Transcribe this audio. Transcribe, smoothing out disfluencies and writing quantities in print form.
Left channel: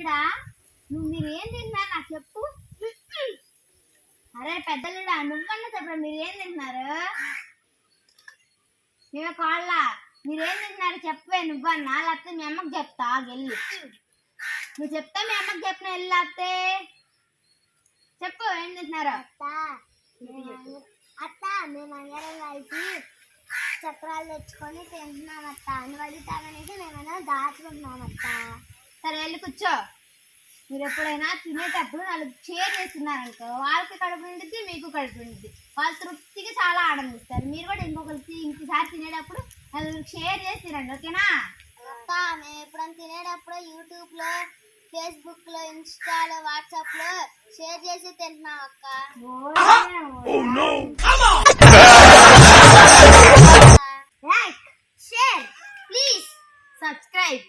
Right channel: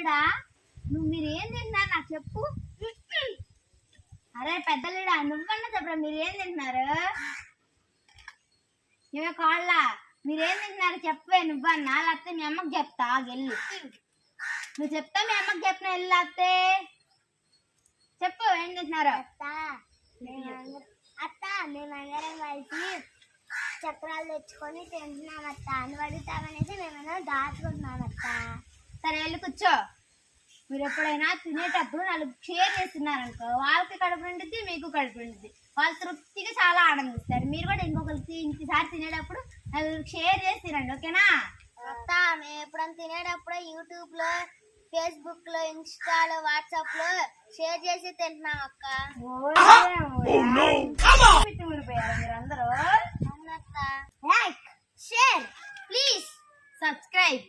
పెద్దలుడా మీరేం తింటున్నారు నాకు చెప్పు. అరే పెద్దలుడా నువ్వన్నా చెప్పరా మీరేం తింటున్నారు? నువ్వే కాళ్ళ మీరేం తింటున్నారు చెప్పే నువ్వన్నా, లేకపోతే మీ అమ్మకి చెప్తా వెళ్ళి. నువ్వు చెప్తా మీ అమ్మకి చెప్పిన వెళ్ళి చెప్పు ఏం తింటున్నారు? అత్త మేమందరం కలిసి చక్రాలు తెచ్చుకొని తింటున్నాం అత్త. నువ్వు అడుగుతామనేసి మేమందరం దాచుకుంటున్నాం అత్త. సరే వెళ్ళి కూర్చో. మీరు ఎప్పుడైనా తినేటప్పుడు నలుగు షేర్ చేస్తున్నారనుకో, వాళ్ళకి కడుపు నిండిద్ది మీకు కడుపు నిండిద్ది, వాళ్ళు తృప్తిగా చాలా ఆనందిస్తారు. మీరు కూడా ఇంకోసారి తినేటప్పుడు నలుగురికి షేర్ చేసి తినండి, ఓకేనా? అత్త మేము ఎప్పుడైనా తినేటప్పుడు యూట్యూబ్లో, ఫేస్బుక్లో, ఇన్స్టాలో, వాట్సాప్లో షేర్ చేసి తింటున్నాం అక్క. Like, share, please subscribe.